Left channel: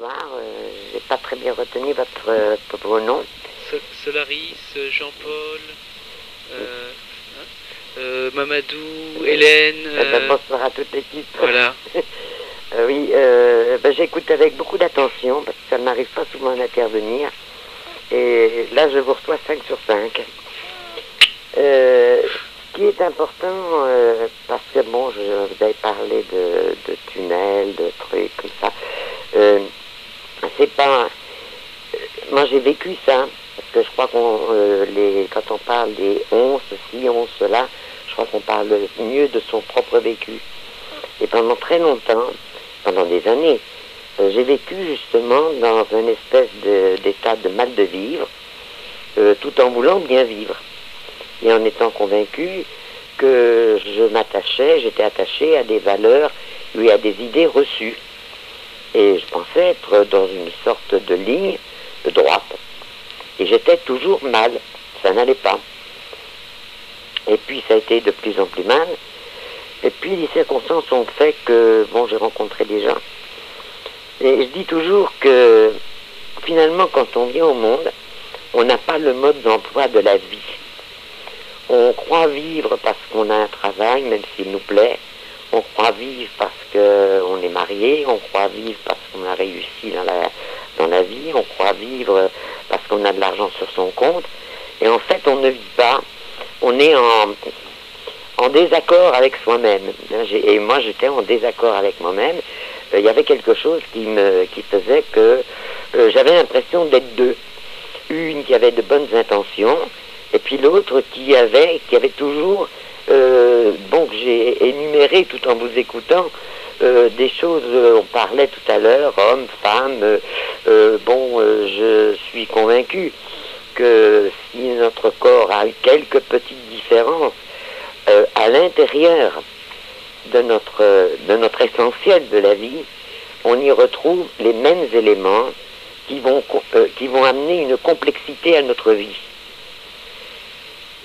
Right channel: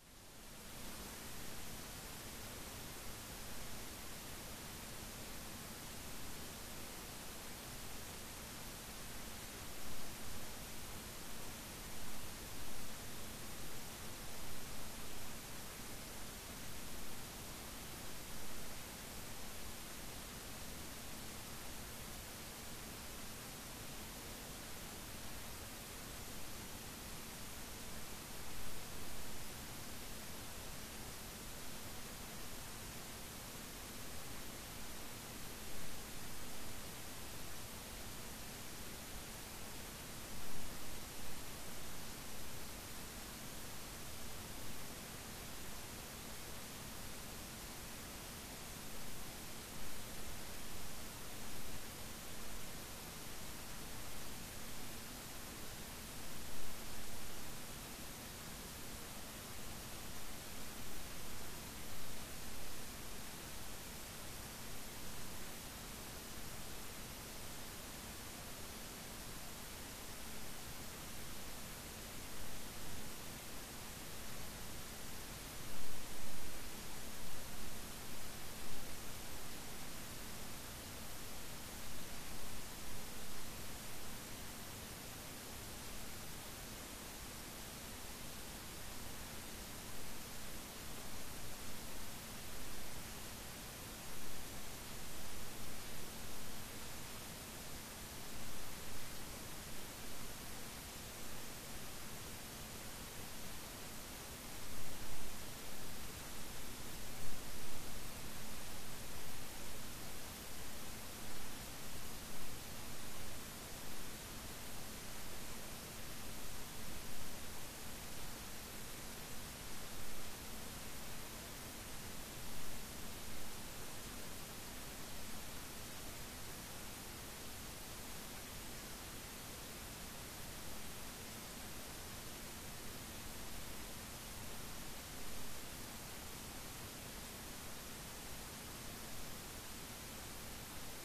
bonsoir. J'ai pas très bien retenu votre nom. Solaris, Jean-Paul, Mamadou, Hélène. Bonsoir à toute l'équipe. Voilà. Oui, j'écoute avec beaucoup d'attention parce que ça ne m'arrive pas souvent d'intervenir. Et là, je vous reçois 5 sur 5. Ce qui est important, parce que bon, vous avez parlé de tunnels, de trucs comme ça. C'est pas... Moi, j'ai vécu ça. Parce que je crois quand on parle des 11, ceci, 11, cela, je crois qu'on parle mieux de son propre vécu. Et pendant très longtemps, pendant des années, j'ai vécu justement dans une espèce d'état de mal de vivre, tout en voulant bien vivre. Et en étant convaincu que j'étais attaché à des valeurs et à des idées reçues. Et je pensais être dans une sorte de ligne de droite. Et j'étais toujours mal, ça n'allait pas. Et puis ça a été de plus en plus mal. Et puis les circonstances ont fait que, bon, j'ai rencontré des gens. Et je dis toujours que finalement, quand on vient au monde, on n'a pas le mode d'emploi de la vie. On croit vivre parce qu'on a un travail, même s'il nous plaît. On croit vivre parce qu'on est marié. On croit vivre parce qu'on a réussi dans la vie. On croit vivre parce qu'on a de l'argent sur son compte. Et en fait, on ne vit pas. On est en désaccord avec soi-même. Et moi, j'étais en désaccord avec moi-même. Il y avait quelque chose qui faisait que j'avais l'impression d'être deux. Une qui avait de bonnes intentions, et puis l'autre qui avait toujours, que j'ai énuméré tout en vous écoutant, des choses, on parlait tout à l'heure, hommes, femmes, je suis convaincu que si notre corps a quelques petites différences à l'intérieur de notre essentiel de la vie, on y retrouve les mêmes éléments qui vont amener une complexité à notre vie.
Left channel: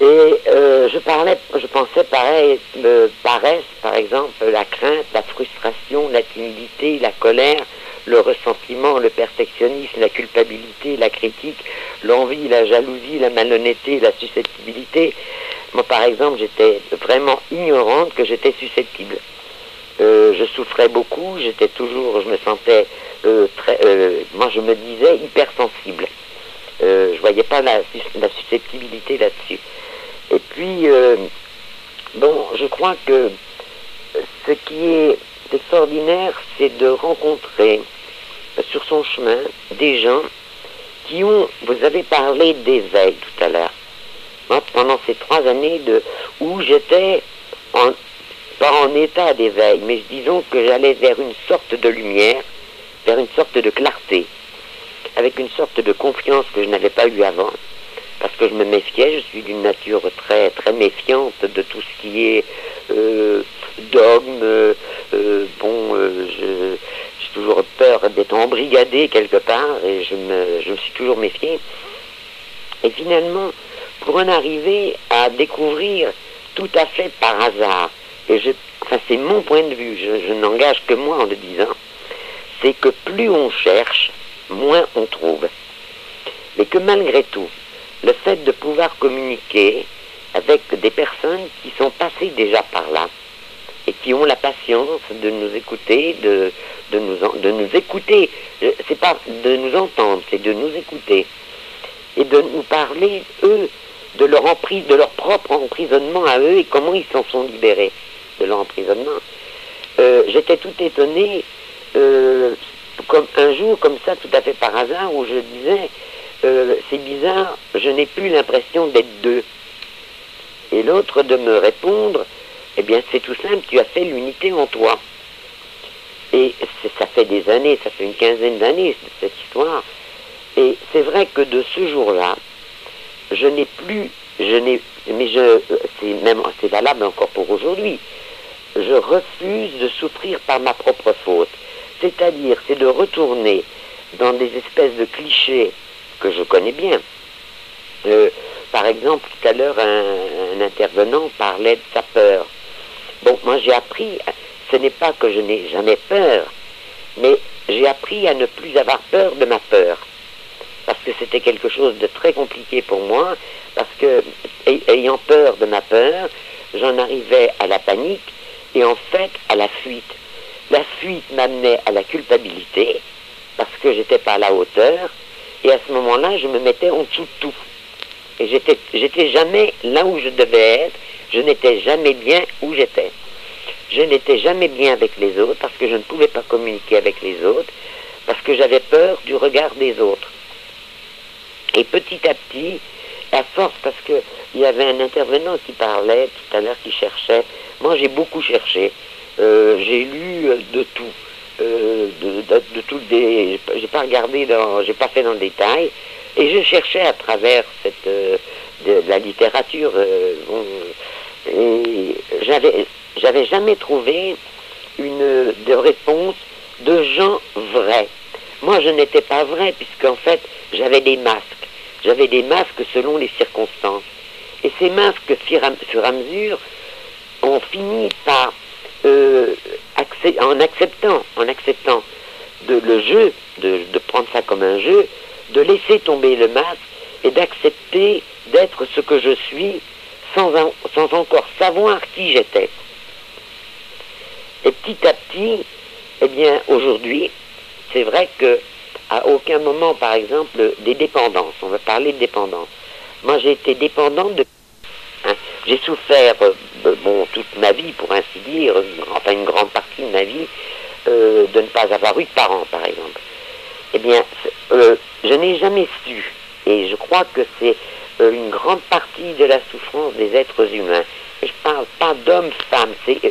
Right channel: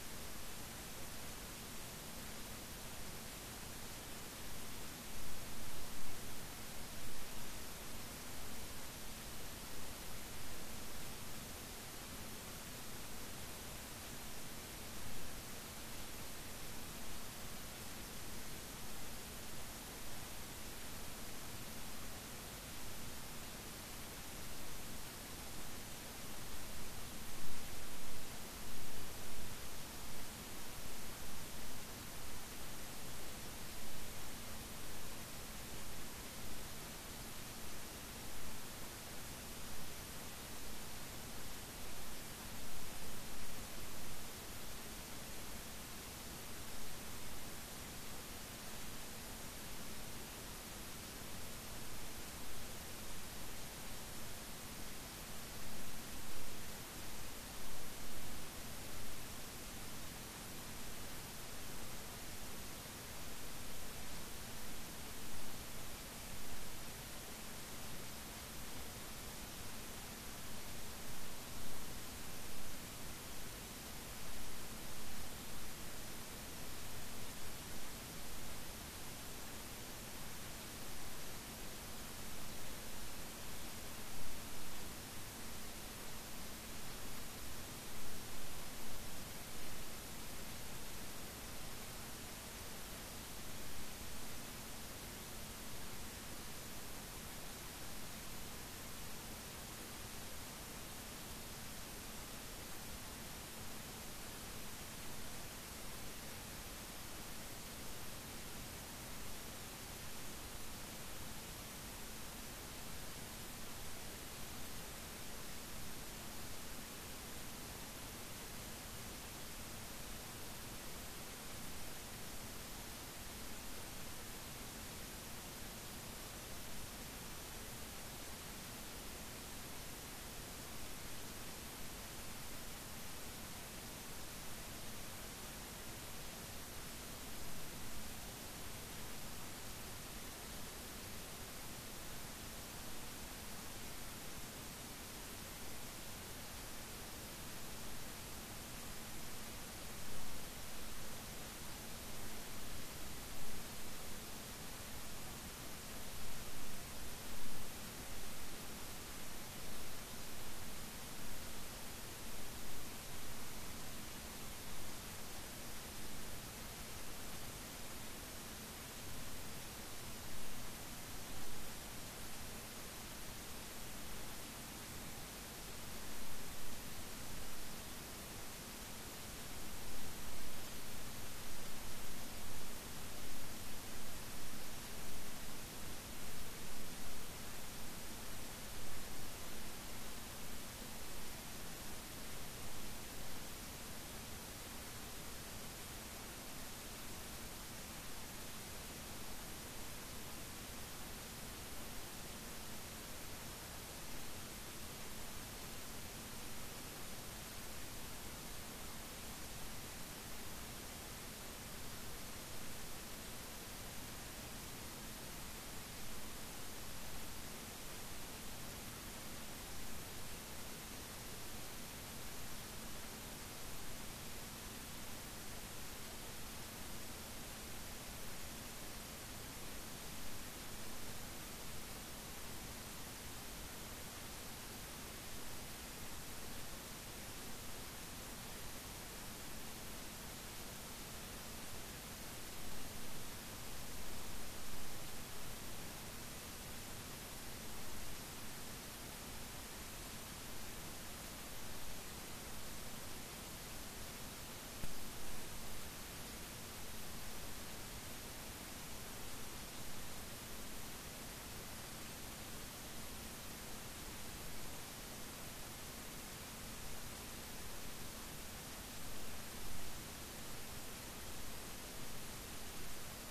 Et je pensais paresse, par exemple, la crainte, la frustration, la timidité, la colère, le ressentiment, le perfectionnisme, la culpabilité, la critique, l'envie, la jalousie, la malhonnêteté, la susceptibilité. Moi, par exemple, j'étais vraiment ignorante que j'étais susceptible. Je souffrais beaucoup, je me sentais moi je me disais hypersensible. Je voyais pas la susceptibilité là-dessus. Et puis, je crois que ce qui est extraordinaire, c'est de rencontrer sur son chemin des gens vous avez parlé d'éveil tout à l'heure. Moi, pendant ces 3 années où j'étais pas en état d'éveil, mais disons que j'allais vers une sorte de lumière, vers une sorte de clarté, avec une sorte de confiance que je n'avais pas eue avant, parce que je me méfiais, je suis d'une nature très, très méfiante de tout ce qui est dogme, j'ai toujours peur d'être embrigadé quelque part, et je me suis toujours méfié. Et finalement, pour en arriver à découvrir tout à fait par hasard, c'est mon point de vue, je n'engage que moi en le disant, c'est que plus on cherche, moins on trouve. Mais que malgré tout, le fait de pouvoir communiquer avec des personnes qui sont passées déjà par là, et qui ont la patience de nous écouter, de nous écouter, c'est pas de nous entendre, c'est de nous écouter, et de nous parler, eux, de leur propre emprisonnement à eux, et comment ils s'en sont libérés de leur emprisonnement. J'étais tout étonné, comme un jour, comme ça, tout à fait par hasard, où je disais, c'est bizarre, je n'ai plus l'impression d'être deux. Et l'autre de me répondre, eh bien c'est tout simple, tu as fait l'unité en toi. Et ça fait des années, ça fait une quinzaine d'années, cette histoire. Et c'est vrai que de ce jour-là, c'est valable encore pour aujourd'hui, je refuse de souffrir par ma propre faute. C'est-à-dire, c'est de retourner dans des espèces de clichés que je connais bien. Par exemple, tout à l'heure, un intervenant parlait de sa peur. Bon, moi j'ai appris, ce n'est pas que je n'ai jamais peur, mais j'ai appris à ne plus avoir peur de ma peur. Parce que c'était quelque chose de très compliqué pour moi, parce que, ayant peur de ma peur, j'en arrivais à la panique et en fait à la fuite. La fuite m'amenait à la culpabilité, parce que j'étais pas à la hauteur, et à ce moment-là, je me mettais en dessous de tout. Et j'étais jamais là où je devais être, je n'étais jamais bien où j'étais. Je n'étais jamais bien avec les autres, parce que je ne pouvais pas communiquer avec les autres, parce que j'avais peur du regard des autres. Et petit à petit, à force, parce qu'il y avait un intervenant qui parlait tout à l'heure, qui cherchait. Moi, j'ai beaucoup cherché. J'ai lu de tout. De tout des. J'ai pas regardé j'ai pas fait dans le détail. Et je cherchais à travers de la littérature. Et j'avais jamais trouvé de réponse de gens vrais. Moi, je n'étais pas vrai, puisqu'en fait, j'avais des masques. J'avais des masques selon les circonstances. Et ces masques, au fur et à mesure, ont fini par, en acceptant le jeu, de prendre ça comme un jeu, de laisser tomber le masque et d'accepter d'être ce que je suis sans encore savoir qui j'étais. Et petit à petit, eh bien, aujourd'hui, c'est vrai que à aucun moment, par exemple, des dépendances. On va parler de dépendance. Moi, j'ai été dépendante de... J'ai souffert, toute ma vie, pour ainsi dire, enfin une grande partie de ma vie, de ne pas avoir eu de parents, par exemple. Eh bien, je n'ai jamais su, et je crois que c'est une grande partie de la souffrance des êtres humains. Et je ne parle pas d'hommes, femmes, c'est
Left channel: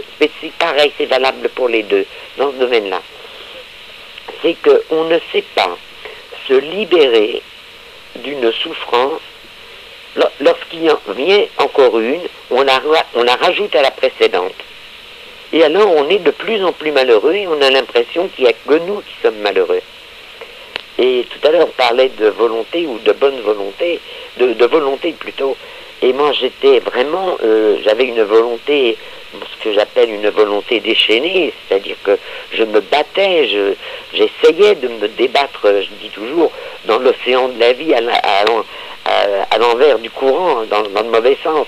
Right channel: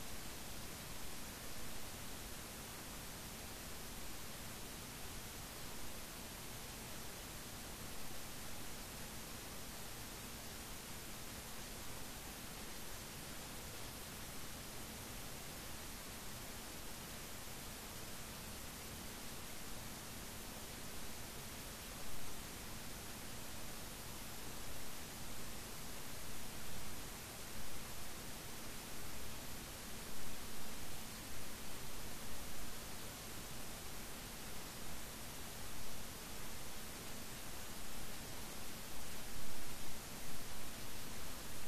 pareil, c'est valable pour les deux, dans ce domaine-là. C'est qu'on ne sait pas se libérer d'une souffrance. Lorsqu'il en vient encore une, on la rajoute à la précédente. Et alors on est de plus en plus malheureux et on a l'impression qu'il n'y a que nous qui sommes malheureux. Et tout à l'heure on parlait de volonté ou de bonne volonté, de volonté plutôt. Et moi j'étais vraiment, j'avais une volonté, ce que j'appelle une volonté déchaînée, c'est-à-dire que je me battais, j'essayais de me débattre, je dis toujours, dans l'océan de la vie, à l'envers du courant, dans le mauvais sens.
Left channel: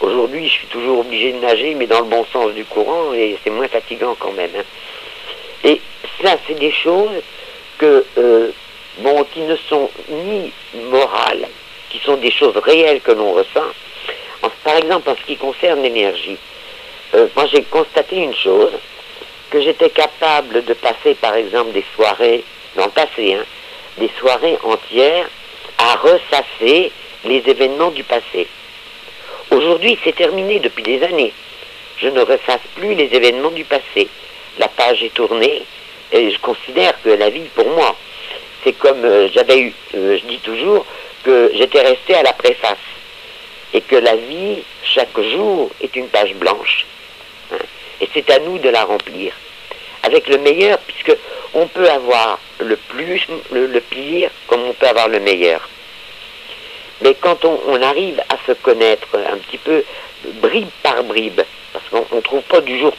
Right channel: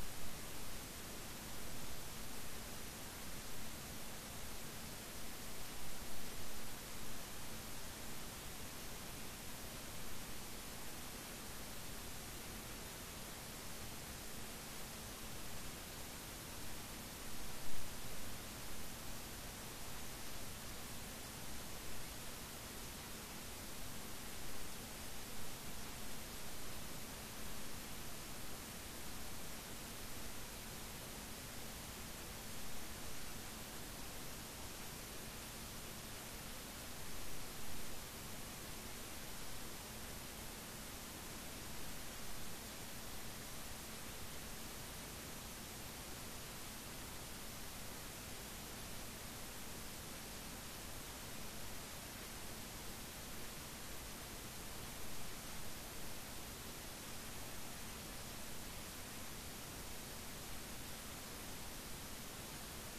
Aujourd'hui, je suis toujours obligé de nager, mais dans le bon sens du courant, et c'est moins fatigant quand même. Et ça, c'est des choses qui ne sont ni morales, qui sont des choses réelles que l'on ressent. Par exemple, en ce qui concerne l'énergie, moi j'ai constaté une chose, que j'étais capable de passer par exemple des soirées, dans le passé, des soirées entières à ressasser les événements du passé. Aujourd'hui, c'est terminé depuis des années. Je ne ressasse plus les événements du passé. La page est tournée et je considère que la vie, pour moi, c'est comme je dis toujours que j'étais resté à la préface et que la vie, chaque jour, est une page blanche. Et c'est à nous de la remplir avec le meilleur, puisque on peut avoir le pire, comme on peut avoir le meilleur. Mais quand on arrive à se connaître un petit peu bribe par bribe, parce qu'on ne trouve pas du jour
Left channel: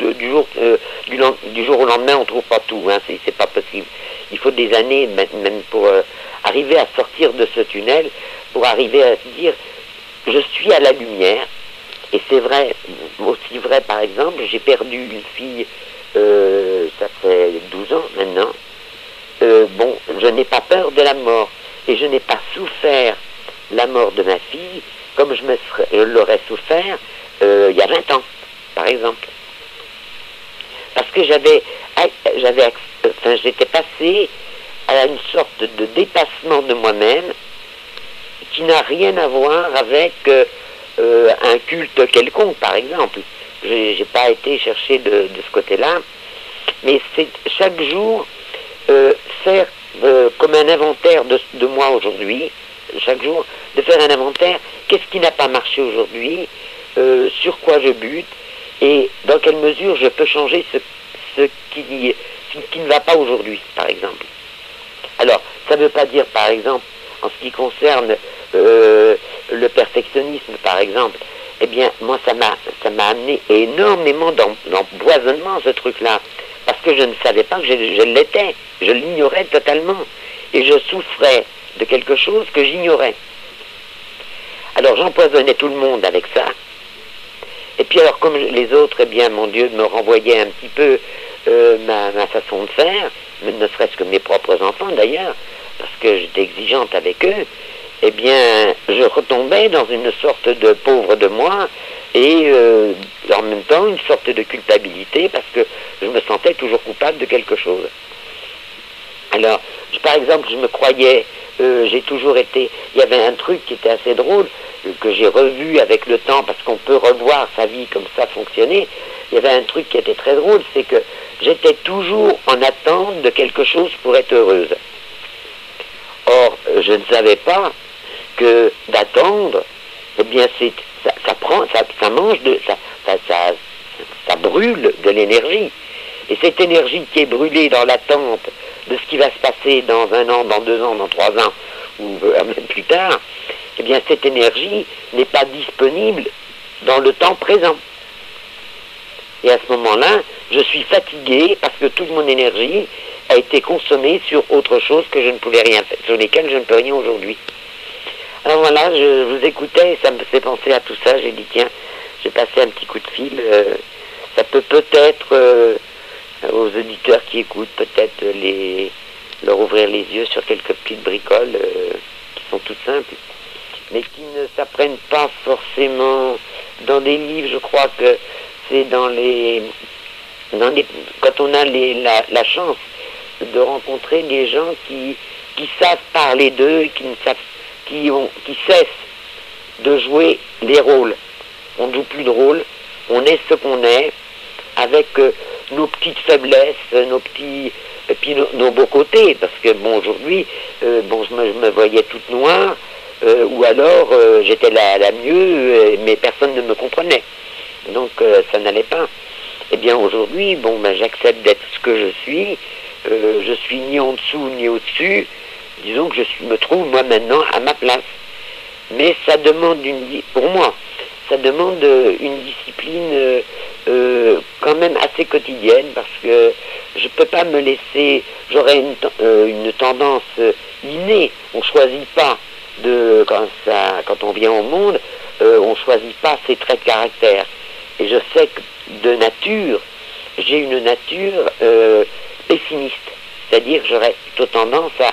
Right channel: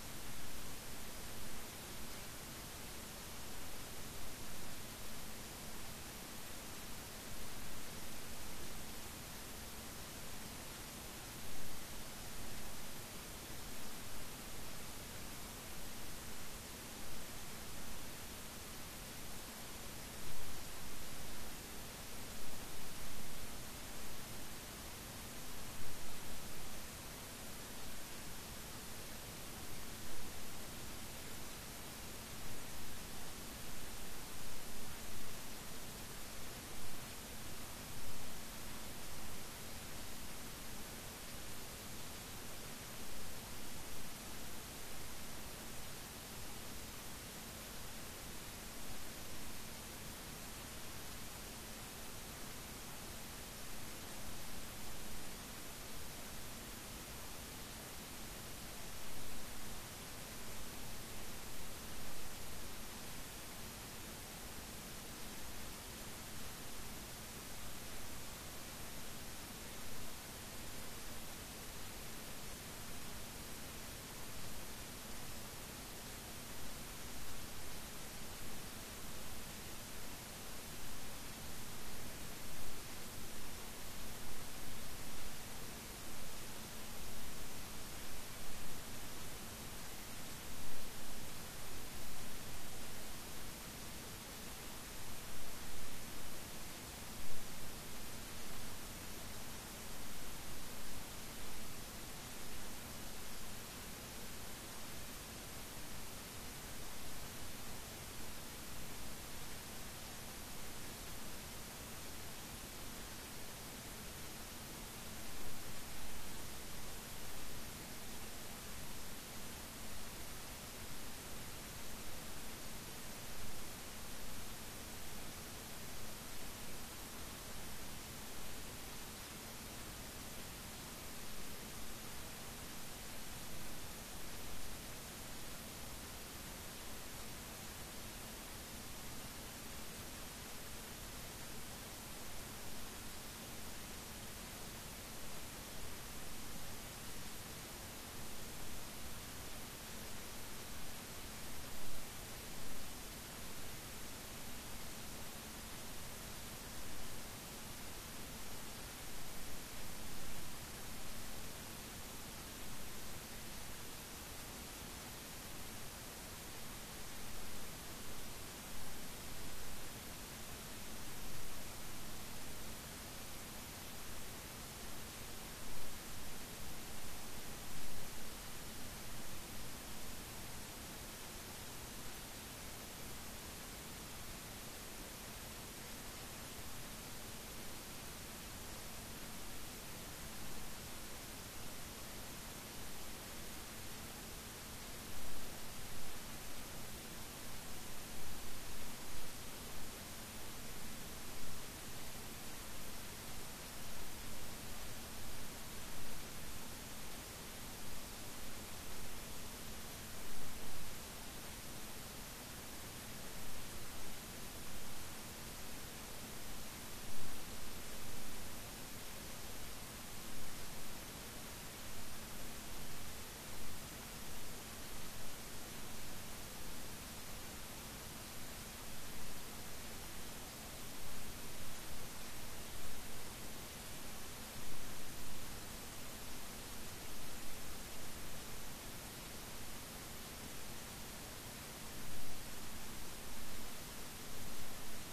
au lendemain, on ne trouve pas tout, c'est pas possible. Il faut des années même pour arriver à sortir de ce tunnel, pour arriver à se dire je suis à la lumière. Et c'est vrai, aussi vrai par exemple, j'ai perdu une fille, ça fait 12 ans maintenant. Je n'ai pas peur de la mort et je n'ai pas souffert la mort de ma fille comme je l'aurais souffert il y a 20 ans, par exemple. Parce que j'étais passé à une sorte de dépassement de moi-même qui n'a rien à voir avec un culte quelconque, par exemple. J'ai pas été chercher de ce côté-là, mais c'est chaque jour faire comme un inventaire de moi aujourd'hui, chaque jour, de faire un inventaire, qu'est-ce qui n'a pas marché aujourd'hui, sur quoi je bute, et dans quelle mesure je peux changer ce qui ne va pas aujourd'hui, par exemple. Alors, ça ne veut pas dire, par exemple, en ce qui concerne le perfectionnisme, par exemple, eh bien, moi, ça m'a amené énormément d'empoisonnement, ce truc-là. parce que je ne savais pas que je l'étais, je l'ignorais totalement, et je souffrais de quelque chose que j'ignorais. Alors j'empoisonnais tout le monde avec ça, et puis alors comme les autres, eh bien mon Dieu me renvoyait un petit peu ma façon de faire, ne serait-ce que mes propres enfants d'ailleurs, parce que j'étais exigeante avec eux, eh bien je retombais dans une sorte de pauvre de moi, et en même temps une sorte de culpabilité, parce que je me sentais toujours coupable de quelque chose. Alors, par exemple, je me croyais, j'ai toujours été, il y avait un truc qui était assez drôle, que j'ai revu avec le temps, parce qu'on peut revoir sa vie comme ça fonctionner. Il y avait un truc qui était très drôle, c'est que j'étais toujours en attente de quelque chose pour être heureuse. Or, je ne savais pas que d'attendre, eh bien, ça mange ça brûle de l'énergie. Et cette énergie qui est brûlée dans l'attente de ce qui va se passer dans 1 an, dans 2 ans, dans 3 ans, ou même plus tard, eh bien cette énergie n'est pas disponible dans le temps présent. Et à ce moment-là, je suis fatigué parce que toute mon énergie a été consommée sur autre chose que je ne pouvais rien faire, sur lesquelles je ne peux rien aujourd'hui. Alors voilà, je vous écoutais et ça me fait penser à tout ça. J'ai dit tiens, j'ai passé un petit coup de fil. Ça peut peut-être aux auditeurs qui écoutent, peut-être leur ouvrir les yeux sur quelques petites bricoles qui sont toutes simples, mais qui ne s'apprennent pas forcément dans des livres. Je crois que c'est quand on a la chance de rencontrer des gens qui savent parler d'eux, qui cessent de jouer les rôles. On ne joue plus de rôle, on est ce qu'on est, avec nos petites faiblesses, et puis nos beaux côtés, parce que bon, aujourd'hui, je me voyais toute noire, ou alors j'étais la mieux, mais personne ne me comprenait. Donc ça n'allait pas. Eh bien aujourd'hui, j'accepte d'être ce que je suis ni en dessous ni au-dessus, disons que me trouve moi maintenant à ma place. Mais ça demande pour moi, ça demande une discipline quand même assez quotidienne, parce que je ne peux pas me laisser, j'aurais une tendance innée, on ne choisit pas quand on vient au monde, on ne choisit pas ses traits de caractère. Et je sais que de nature, j'ai une nature pessimiste, c'est-à-dire que j'aurais plutôt tendance à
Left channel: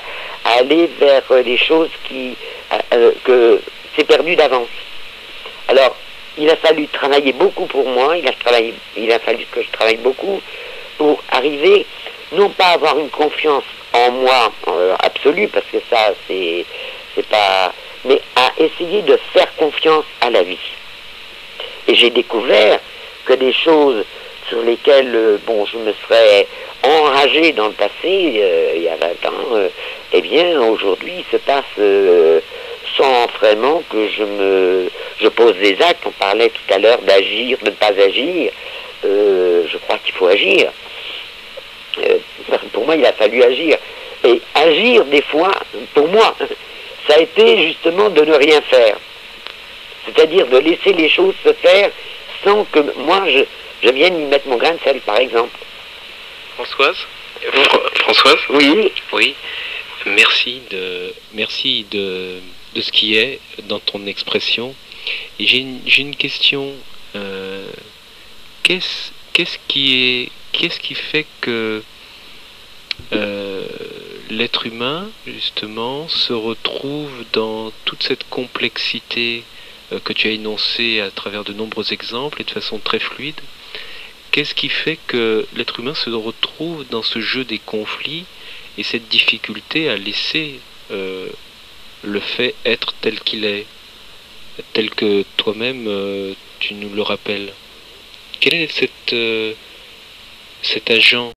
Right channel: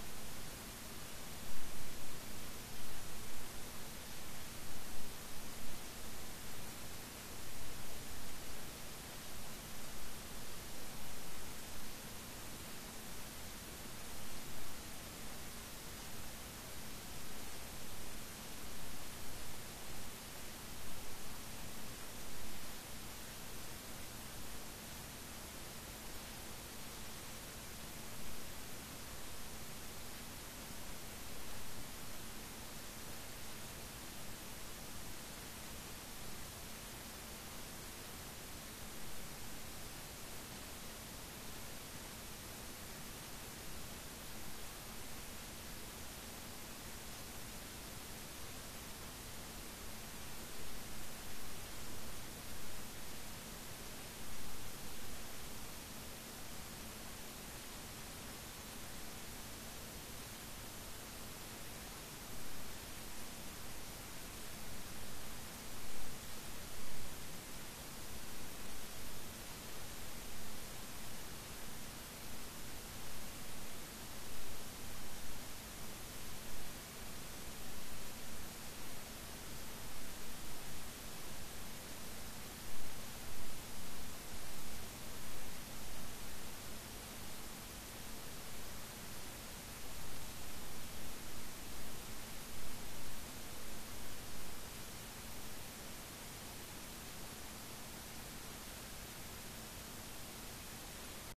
aller vers les choses que c'est perdu d'avance. Alors, il a fallu travailler beaucoup pour moi, il a fallu que je travaille beaucoup pour arriver, non pas à avoir une confiance en moi absolue, parce que ça, c'est pas... mais à essayer de faire confiance à la vie. Et j'ai découvert que des choses sur lesquelles, je me serais enragé dans le passé, il y a 20 ans, eh bien, aujourd'hui, il se passe sans vraiment que je pose des actes. On parlait tout à l'heure d'agir, de ne pas agir. Je crois qu'il faut agir. Pour moi, il a fallu agir. Et agir, des fois, pour moi, ça a été justement de ne rien faire. C'est-à-dire de laisser les choses se faire sans que moi, je vienne y mettre mon grain de sel, par exemple. Françoise Françoise Oui. Oui. Merci de ce qui est dans ton expression. Et j'ai une question. Qu'est-ce qui fait que l'être humain, justement, se retrouve dans toute cette complexité que tu as énoncée à travers de nombreux exemples et de façon très fluide? Qu'est-ce qui fait que l'être humain se retrouve dans ce jeu des conflits et cette difficulté à laisser le fait être tel qu'il est, tel que toi-même tu nous le rappelles? Quel est cet agent